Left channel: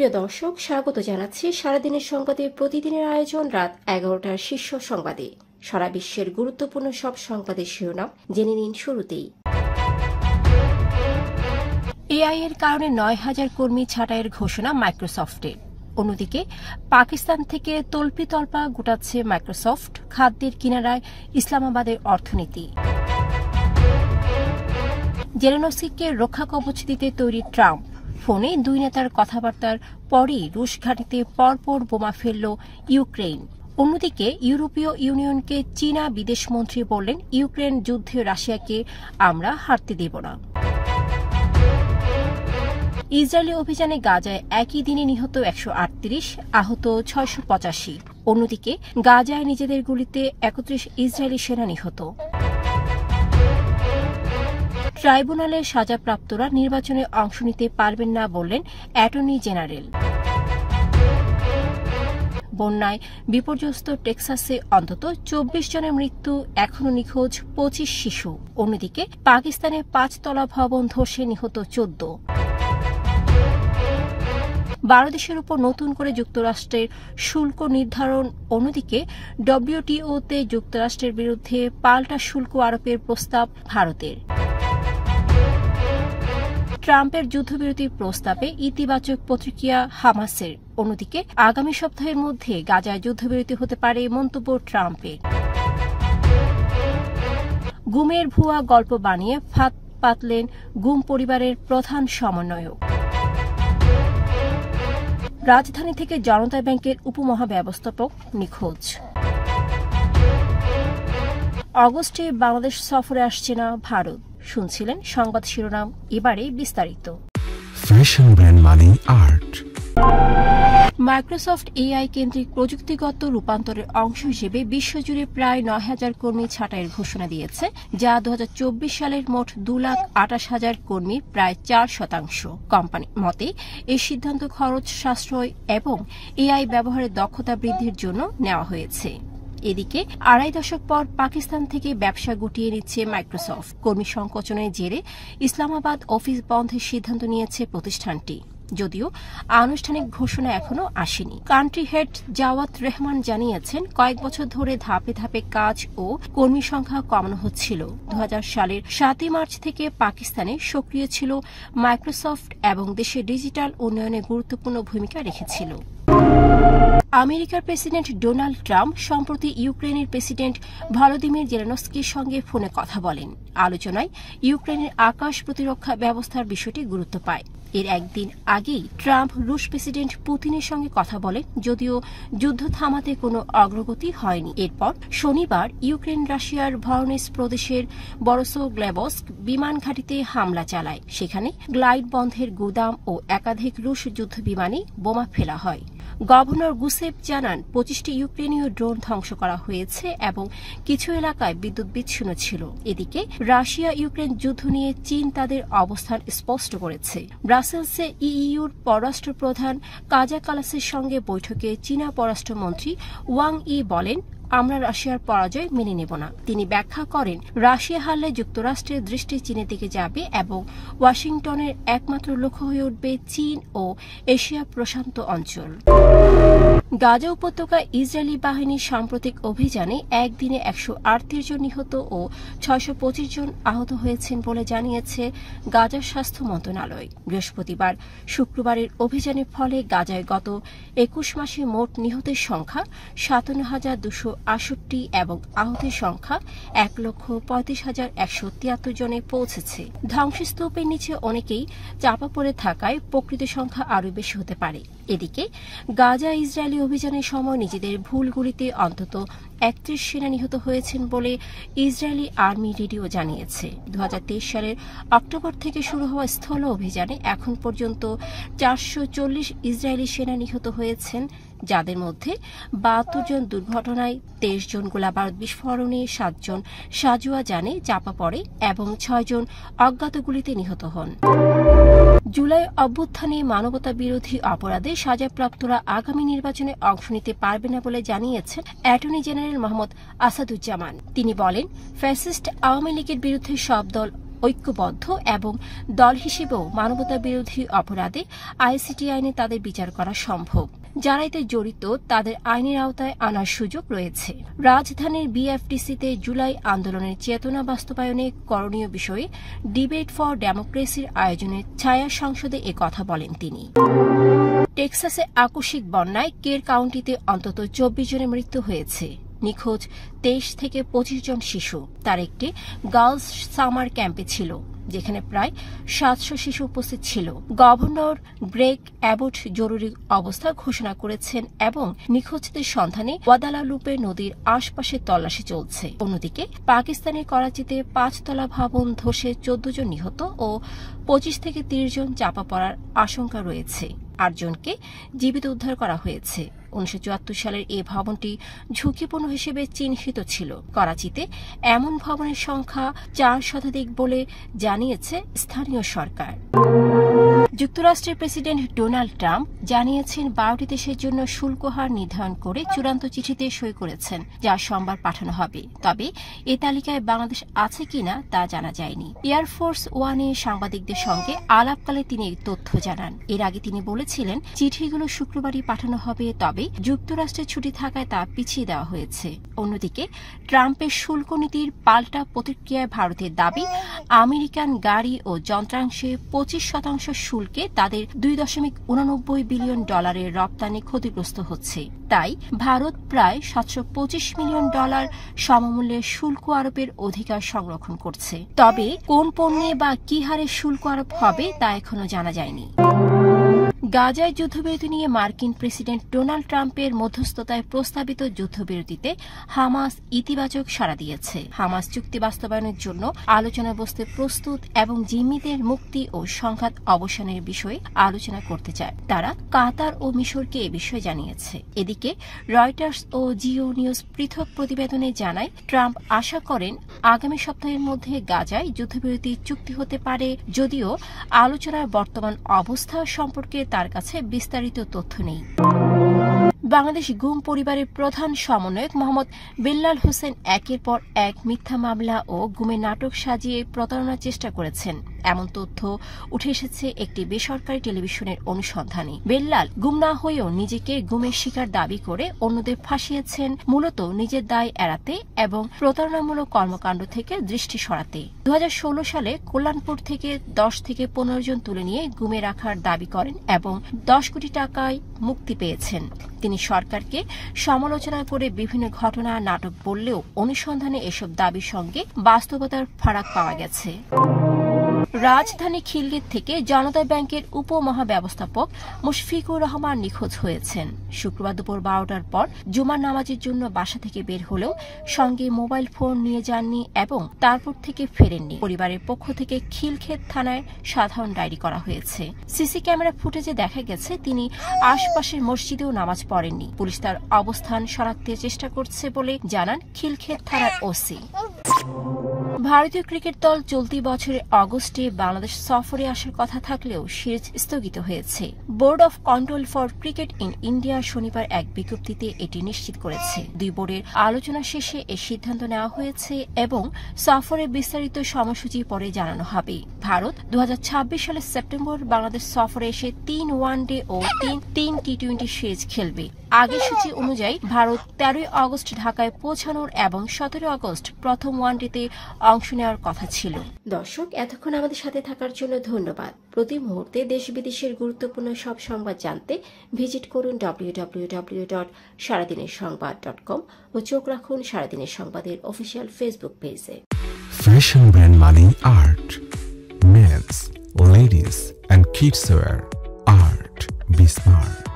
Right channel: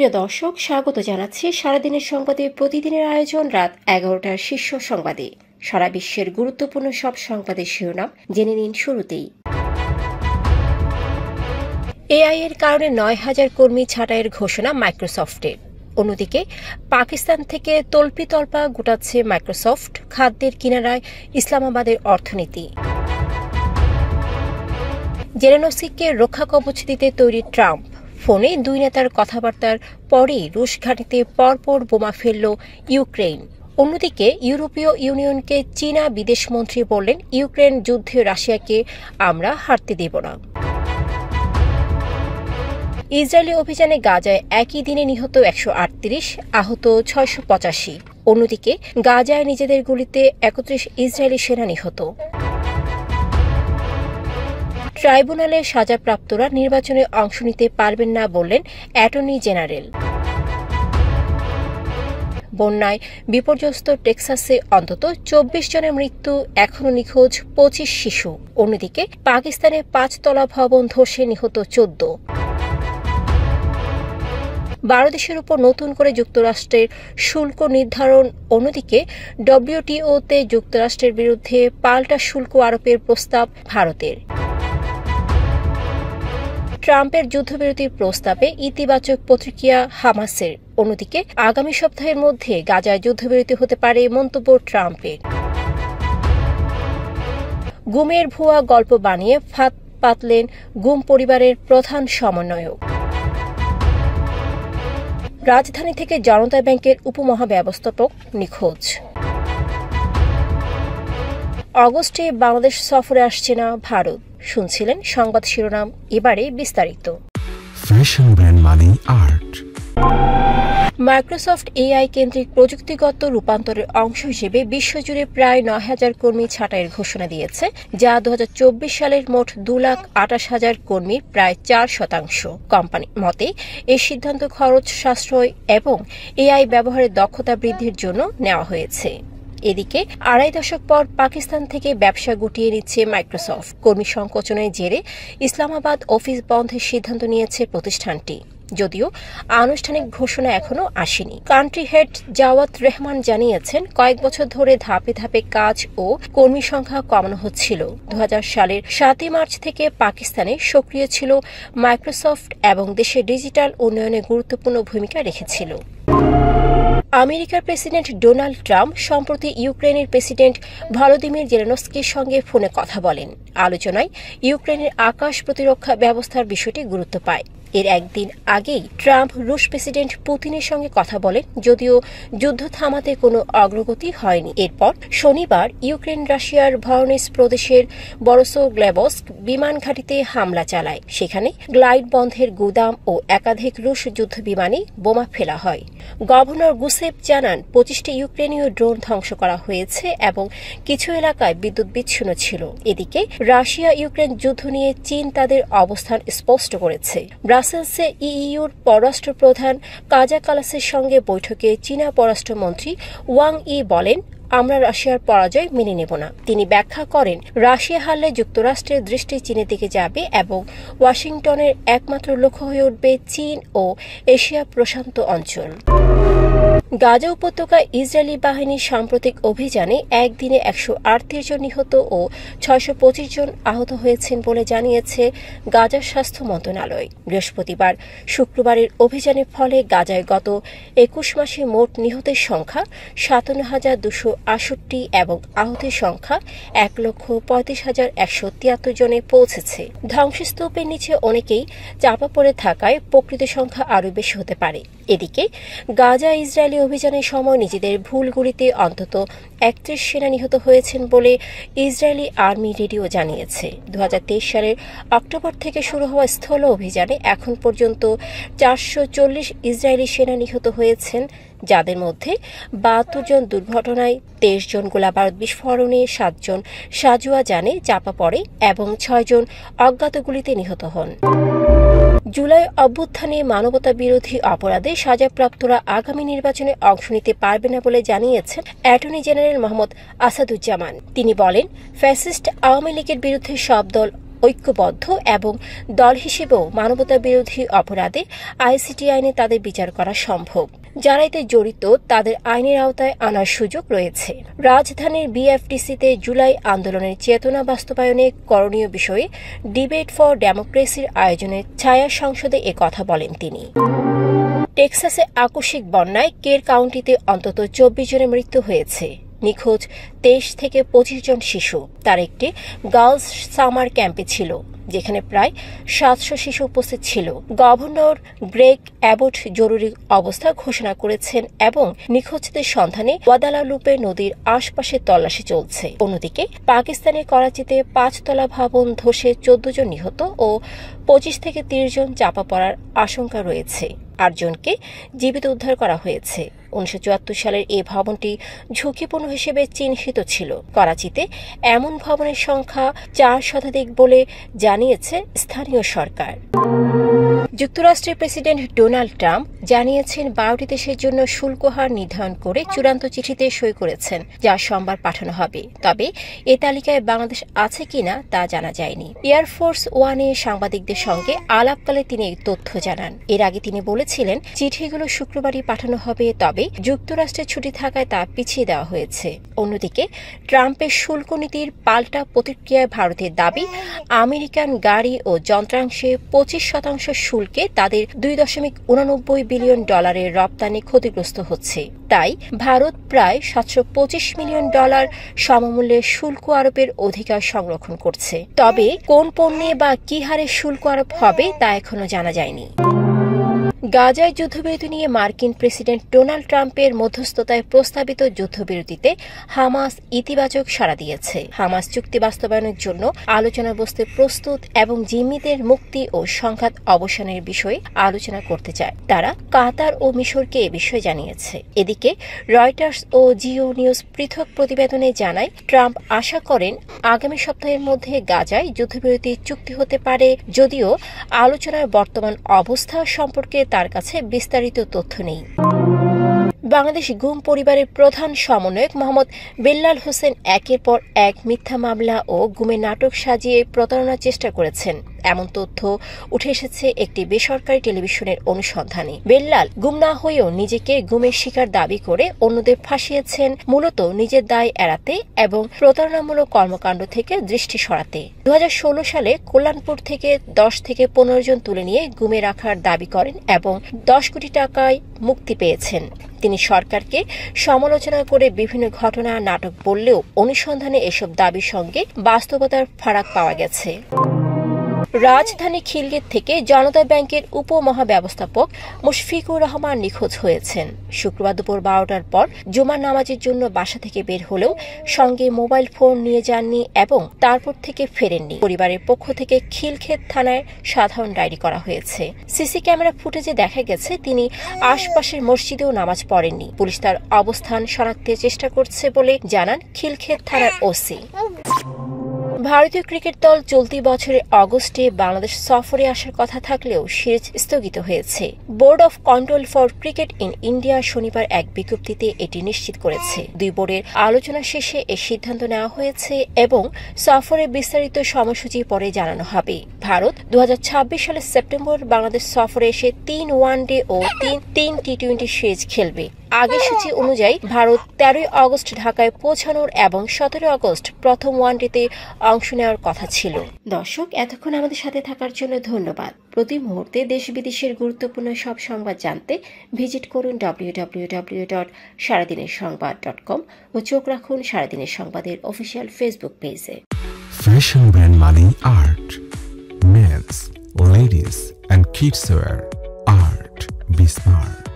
প্রিয় দর্শক, স্বাগত জানাচ্ছি সারাদিনের সংবাদে প্রতিদিনের আয়োজন রাত 11টার শীর্ষ সংবাদে। সারা বিশ্বের গুরুত্বপূর্ণ সব সংবাদের শিরোনাম জেনে নিন শুরুতেই। এআই এর কারণে 9,000 কর্মী ছাঁটাইয়ের ঘোষণা মাইক্রোসফটের। অন্যদিকে পাকিস্তান থেকে তল্পিতল্পা গোটাচ্ছে মাইক্রোসফট, খাদ্যের কিনারায় ইসলামাবাদের অর্থনীতি। জেলেনস্কিকে রক্ষা কবচ দিতে তৈরি ট্রাম্প, ফোনে দুই নেতার কথাবার্তার পরেই রুশ ঘাঁটিতে পরপর বোমা ফেলল ইউক্রেন। অন্যদিকে ইউরোপীয় ইউনিয়নকে চীনা বিদেশমন্ত্রী বললেন, ইউক্রেন যুদ্ধে রাশিয়াকে আমরা হারতে দেব না। ইসরায়েলি অভিযানে গাজায় একই দিনে নিহত 138, আহত 685। অন্যদিকে গাজায় নিজেদের গুলিতে 31 ইসরায়েলি সেনা নিহত। ট্রাইব্যুনালে সাজাপ্রাপ্তরা নির্বাচনে অংশ নিতে পারবেন না বললেন অ্যাটর্নি জেনারেল। বন্যায় বিপর্যস্ত টেক্সাসে অন্তত 24 জনের মৃত্যু, এখনও নিখোঁজ 25 শিশু। অন্যদিকে পাকিস্তানে 5 তলা ভবন ধসে নিহত 14। 12 দেশের উপর নতুন করে যুক্তরাষ্ট্রের শুল্ক নির্ধারণ। অন্যদিকে ডব্লিউটিওতে যুক্তরাষ্ট্রের বিরুদ্ধে পাল্টা শুল্ক আরোপের প্রস্তাব ভারতের। ট্রাম্পের যুদ্ধবিরতির প্রস্তাবে ইতিবাচক প্রতিক্রিয়া হামাসের। অন্যদিকে আগামী সপ্তাহের মধ্যে গাজায় যুদ্ধবিরতি হতে পারে মন্তব্য ট্রাম্পের। গুমের ভুয়া গল্প বানিয়ে ফাঁদ পাতলেন গুম পরিবারের প্রধান সমন্বয়ক। রাজধানী থেকে জনতা ব্যাংকের উপমহাব্যবস্থাপক নিখোঁজ। অগস্টে বাংলাদেশ সফরে আসছে না ভারত। শুনছিলেন সংবাদ শিরোনাম, এবারে বিস্তারিত। ফ্যাশন ব্র্যান্ড মানে আর্ট। মাইক্রোসফট এআই কেন্দ্রিক প্রযুক্তিগত রূপান্তরের অংশ হিসেবে বিশ্বজুড়ে প্রায় 9,000 কর্মী ছাঁটাইয়ের ঘোষণা দিয়েছে, যা 2024 সালের মোট 2,28,000 কর্মীর প্রায় 4%। কোম্পানির মতে এই সিদ্ধান্ত খরচ সাশ্রয় এবং এআই ব্যবহারের দক্ষতা বৃদ্ধির জন্য নেওয়া হয়েছে। এদিকে 2.5 দশক পর পাকিস্তান থেকে ব্যবসা গুটিয়ে নিচ্ছে মাইক্রোসফট। কর্মী সংকোচনের জেরে ইসলামাবাদ অফিস বন্ধের সিদ্ধান্ত নিয়েছে প্রতিষ্ঠানটি, যদিও আনুষ্ঠানিক ঘোষণা এখনো আসেনি। কান্ট্রি হেড জাওয়াত রেহমান জানিয়েছেন, কয়েক বছর ধরে ধাপে ধাপে কাজ ও কর্মী সংখ্যা কমানো হচ্ছিল। 2000 সালের 7 মার্চ থেকে পাকিস্তানে সক্রিয় ছিল মাইক্রোসফট এবং দেশের ডিজিটাল উন্নয়নে গুরুত্বপূর্ণ ভূমিকা রেখেছিল। আমেরিকার প্রেসিডেন্ট ডোনাল্ড ট্রাম্প সম্প্রতি ইউক্রেনের প্রেসিডেন্ট ভলোদিমির জেলেনস্কির সঙ্গে ফোনে কথা বলেন। আলোচনায় ইউক্রেনের আকাশ প্রতিরক্ষা ব্যবস্থার বিষয়টি গুরুত্ব পায়। এর একদিন আগেই ট্রাম্প রুশ প্রেসিডেন্ট পুতিনের সঙ্গে কথা বলেন, যদিও যুদ্ধ থামাতে কোনো অগ্রগতি হয়নি। এরপর শনিবার ইউক্রেন রাশিয়ার ভরনেস প্রদেশের বরসোগ্লেবস্ক বিমান ঘাঁটিতে হামলা চালায়। সেখানে গ্লাইড বন্ধের গুদাম ও একাধিক রুশ যুদ্ধ বিমানে বোমা ফেলা হয়। গভর্নর গুসেপ জানান, 25টি ইউক্রেনীয় ড্রোন ধ্বংস করা হয়েছে এবং কিছু এলাকায় বিদ্যুৎ বিচ্ছিন্ন ছিল। এদিকে রাশিয়া ইউক্রেন যুদ্ধ নিয়ে চীন তাদের অবস্থান স্পষ্ট করেছে। ব্রাসেলসে ইইউর পররাষ্ট্র প্রধান কাজা কালাসের সঙ্গে বৈঠকে চীনা পররাষ্ট্রমন্ত্রী ওয়াং ই বলেন, আমরা রাশিয়ার পরাজয় মেনে নেব না। তিনি ব্যাখ্যা করেন, রাশিয়া হারলে যুক্তরাষ্ট্রের দৃষ্টি চীনের দিকে যাবে এবং ওয়াশিংটনের একমাত্র লক্ষ্য হয়ে উঠবে চীন ও এশিয়া প্রশান্ত অঞ্চল। গাজা উপত্যকায় ইসরায়েলি বাহিনীর সাম্প্রতিক অভিযানে একদিনে 138 জন নিহত ও 625 জন আহত হয়েছেন বলে জানিয়েছে গাজার স্বাস্থ্য মন্ত্রণালয়। বৃহস্পতিবার শুক্রবারের অভিযানের ফলে গাজায় গত 21 মাসে মোট নিহতের সংখ্যা 57,268 এবং আহতের সংখ্যা 1,35,173 জনে পৌঁছেছে। ধ্বংসস্তূপের নিচে অনেকেই চাপা পড়ে থাকায় প্রকৃত সংখ্যা আরও বেশি হতে পারে। এদিকে গাজা ইসরায়েলি অভিযানের সময় নিজেদের ভুলগুলিতে অন্তত 31 সেনা নিহত হয়েছেন বলে ইসরায়েলি আর্মি রেডিও জানিয়েছে। 2023 সালের অক্টোবর থেকে শুরু হওয়া স্থল অভিযানে এখন পর্যন্ত 440 ইসরায়েলি সেনা নিহত হয়েছেন, যাদের মধ্যে 72 জন দুর্ঘটনায়, 23 জন গোলাবারুদ বিস্ফোরণে, 7 জন সাজোয়া যানে চাপা পড়ে এবং 6 জন অজ্ঞাত গুলিতে নিহত হন। জুলাই অভ্যুত্থানে মানবতা বিরোধী অপরাধে সাজাপ্রাপ্তরা আগামী নির্বাচনে অংশ নিতে পারবে না বলে জানিয়েছেন অ্যাটর্নি জেনারেল মোহাম্মদ আসাদুজ্জামান। তিনি বলেন, ফ্যাসিস্ট আওয়ামী লীগের বিরুদ্ধে সব দল ঐক্যবদ্ধ এবং দল হিসেবেও মানবতা বিরোধী অপরাধে আইসিটি আইনে তাদের বিচার করা সম্ভব। যারা এতে জড়িত তাদের আইনের আওতায় আনার সুযোগ রয়েছে। রাজধানীর বিএফডিসিতে জুলাই আন্দোলনের চেতনা বাস্তবায়নে করণীয় বিষয়ে ডিবেট ফর ডেমোক্রেসির আয়োজনে ছায়া সংসদে কথা বলেন তিনি। টেক্সাসে আকস্মিক বন্যায় কের কাউন্টিতে অন্তত 24 জনের মৃত্যু হয়েছে। নিখোঁজ 23 থেকে 25 জন শিশু তার একটি গার্লস সামার ক্যাম্পে ছিল, যেখানে প্রায় 700 শিশু উপস্থিত ছিল। গভর্নর গ্রেগ অ্যাবট জরুরি অবস্থা ঘোষণা করেছেন এবং নিখোঁজদের সন্ধানে ওয়াদালালুপে নদীর আশপাশে তল্লাশি চলছে। অন্যদিকে পাকিস্তানের করাচিতে 5 তলা ভবন ধসে 14 জন নিহত ও 25 থেকে 30 জন চাপা পড়ার আশঙ্কা রয়েছে। 8 জনকে জীবিত উদ্ধার করা হয়েছে। 1974 সালের এই ভবনটি ঝুঁকিপূর্ণ হিসেবে চিহ্নিত ছিল। করাচিতে এমন ভবনের সংখ্যা 4 শতাধিক বলে জানিয়েছে স্থানীয় সরকার। যুক্তরাষ্ট্রের প্রেসিডেন্ট ডোনাল্ড ট্রাম্প জানিয়েছেন 12টি দেশের জন্য শুল্ক হার নির্ধারণ করে চূড়ান্ত চিঠিতে সই করেছেন, যা সোমবার পাঠানো হবে। তবে এ তালিকায় বাংলাদেশ আছে কিনা তা জানা যায়নি। এয়ারফোর্স ওয়ানে সাংবাদিকদের সঙ্গে আলাপকালে তিনি এই তথ্য জানান। এর আগে তিনি বলেছিলেন চিঠিগুলো শুক্রবারই পাঠানো হবে, তবে যুক্তরাষ্ট্রের ছুটি থাকায় তা পিছিয়ে দেওয়া হয়েছে। অন্যদিকে ট্রাম্পের শুল্ক নীতির পাল্টা প্রতিক্রিয়ায় ভারতের দাবি আমেরিকান গাড়ি ও যন্ত্রাংশে 25% শুল্কে তাদের $2.89 বিলিয়ন রপ্তানি ক্ষতিগ্রস্ত হচ্ছে। তাই ভারত প্রায় $725 মিলিয়ন সমমূল্যের শুল্ক আরোপের অধিকার সংরক্ষণ করছে। তবে কোন পণ্যে বা কি হারে শুল্ক আরোপ হবে তা এখনো জানা যায়নি। গাজায় যুদ্ধবিরতি নিয়ে মার্কিন প্রেসিডেন্ট ডোনাল্ড ট্রাম্পের মধ্যস্থতায় প্রস্তাবিত যুদ্ধবিরতিতে হামাস ইতিবাচক সাড়া দিয়েছে। হামাস চুক্তি বাস্তবায়নের জন্য আলোচনা বসতে প্রস্তুত এবং জিম্মিদের মুক্তি ও সংঘাত অবসানের বিষয়ে আলোচনা করতে চায়। তারা কাতার ও মিশরকে এ বিষয়ে জানিয়েছে। এদিকে রয়টার্স ও জিও নিউজ পৃথক প্রতিবেদনে জানায়, ট্রাম্প আশা করেন আগামী সপ্তাহের মধ্যে গাজায় যুদ্ধবিরতি চুক্তি হতে পারে, যদিও আলোচনার বর্তমান অবস্থা সম্পর্কে তার কাছে বিস্তারিত তথ্য নেই। বাংলাদেশ গুম পরিবারের প্রধান সমন্বয়ক মোহাম্মদ বেল্লাল হোসেন একের পর এক মিথ্যা মামলা ও গুমের নাটক সাজিয়ে প্রতারণার চেষ্টা করেছেন, এমন তথ্য উঠে এসেছে একটি বেসরকারি টেলিভিশনের অনুসন্ধানে। বেল্লাল গুম না হয়েও নিজেকে গুমের শিকার দাবি করে অন্যদের ফাঁসিয়েছেন, মূলত নিজের দায় এড়াতে এবং প্রতারণামূলক কর্মকাণ্ড থেকে দৃষ্টি সরাতে। 2016 সালে কল্যাণপুর থেকে 10 থেকে 15 জন তুলে নিয়ে গুমে রাখার দাবি করেন এবং 10 কোটি টাকায় মুক্তি পেয়েছেন। তিনি সরকারকে সমালোচনা করে বিভিন্ন ঘটনা নাটক বললেও অনুসন্ধানে এসব দাবির সঙ্গে বাস্তবতার ফারাক পাওয়া গেছে। রাজধানী খিলগেট থেকে জনতা ব্যাংকের উপমহাব্যবস্থাপক মুশফিকুর রহমান নিখোঁজ হয়েছেন। শুক্রবার দুপুর 12টার পর জুমার নামাজের জন্য বাসা থেকে বের হলেও সঙ্গে মোবাইল ফোন নিয়ে যাননি এবং তারপর থেকে ফেরেননি। পরিবারের পক্ষ থেকে খিলক্ষেত থানায় সাধারণ ডায়েরি করা হয়েছে। সিসি ক্যামেরা ফুটেজে দেখা গেছে তিনি আশপাশের মসজিদেও নামাজ পড়েননি। পুলিশ তার অবস্থান শনাক্তের চেষ্টা করছে বলে জানান খিলক্ষেত থানার ওসি। ভারতীয় ক্রিকেট দল চলতি বছরের অগস্টে বাংলাদেশ সফরে আসার কথা থাকলেও সিরিজ স্থগিত হয়েছে। Board of control for cricket in India শনিবার এক বিজ্ঞপ্তিতে এটি নিশ্চিত করেছে। দুই বোর্ডের আলোচনা শেষে এই সিদ্ধান্ত নেওয়া হয়েছে এবং সফরের বিস্তারিত সময়সূচি পরে জানানো হবে। ভারত 2026 সালের সেপ্টেম্বর বাংলাদেশ সফরে এসে 3 ওয়ানডে ও 3 টি-20 সিরিজ খেলবে। আগের সূচি অনুযায়ী ভারত 13 আগস্ট ঢাকায় পৌঁছানোর এবং 17 আগস্ট প্রথম ওয়ানডেতে অংশ নেওয়ার কথা ছিল। দর্শক, এতক্ষণ আমাদের সাথে থাকার জন্য ধন্যবাদ। প্রতি মুহূর্তে দেশ বিদেশের গুরুত্বপূর্ণ সব সংবাদ জানতে ভিজিট করুন www.সারাদিনেরসংবাদ.com ও চোখ রাখুন সারাদিনের সংবাদের অফিসিয়াল ফেসবুক পেজে। Fashion brand Mani Art. Men's, ladies and kids wear. Art. Be smart.